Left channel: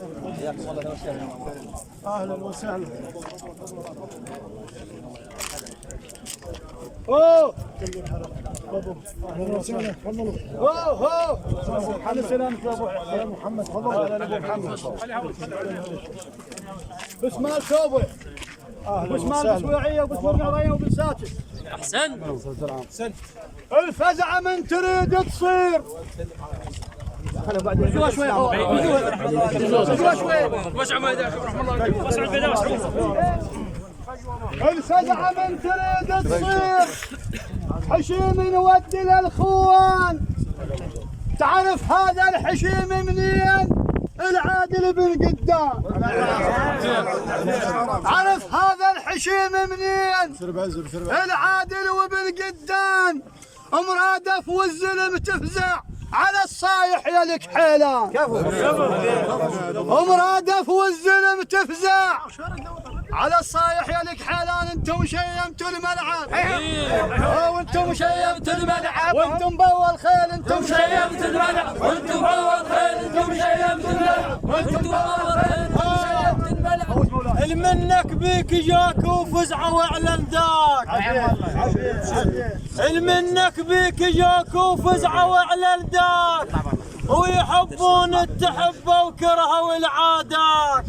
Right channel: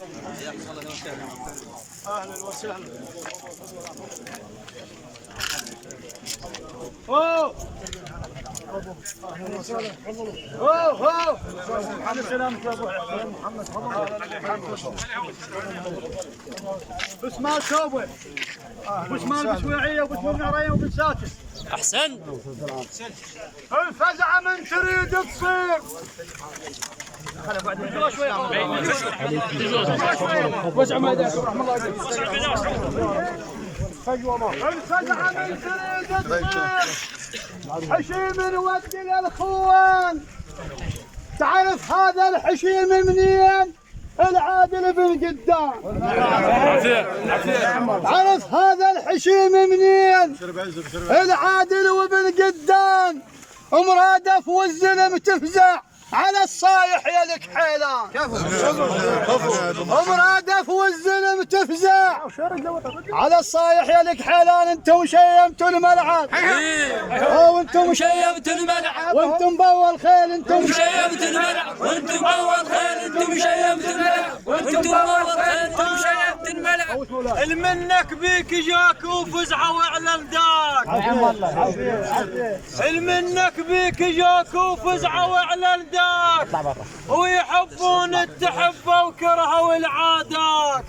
اهلا وسهلا. اوه اهلا وسهلا. اوه على سلامك يا ابو محمد. بسمال شوبه وبسمال بسويعيه وبسمال ناريه وبن ساكن. احسن. الفزعه من تريد تصير. وسع ما رحم الله عليك. الفزعه من تريد تصير حشيم نودي للخوان. تعرف هذا الحشيم منين؟ العادل بن قدام. تعرف هذا الحشيم منين؟ العادل وبن قدام. مرادف والزلم تفزع على الصايح يا لك حيلان. مرادف والزلم تفزع على الصايح يا لك حيلان. انتم شيمتوا الملعب وانتم شيمتوا الملعب وانتم بول خيل. انتم شيمتوا الملعب وانتم بول خيل. انتم شيمتوا الملعب وانتم بول خيل. انتم شيمتوا الملعب. المنك بيك جاك وفزعه واعلن داك. المنك بيك جاك وفزعه واعلن داك. ويحبون التحبه وكرهوا العادات.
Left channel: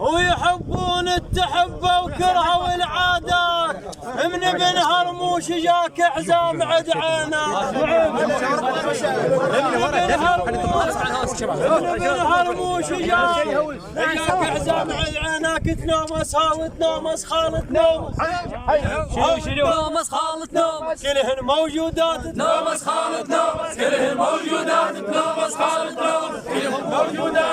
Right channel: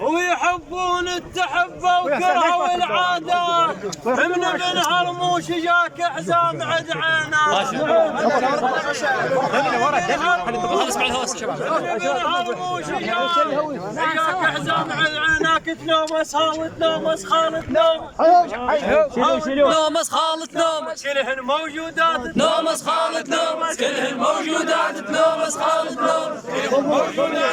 ويحبون التحبه وكرهوا العادات. من ابن هرموش جاك حزام عد عينات. من ابن هرموش جاك حزام عد عيناك. تنومس وتنومس خالد نومس. نومس خالد نومس كلهن موجودات. نومس خالد نومس كلهن موجودات. نومس خالد نومس كلهن موجودات.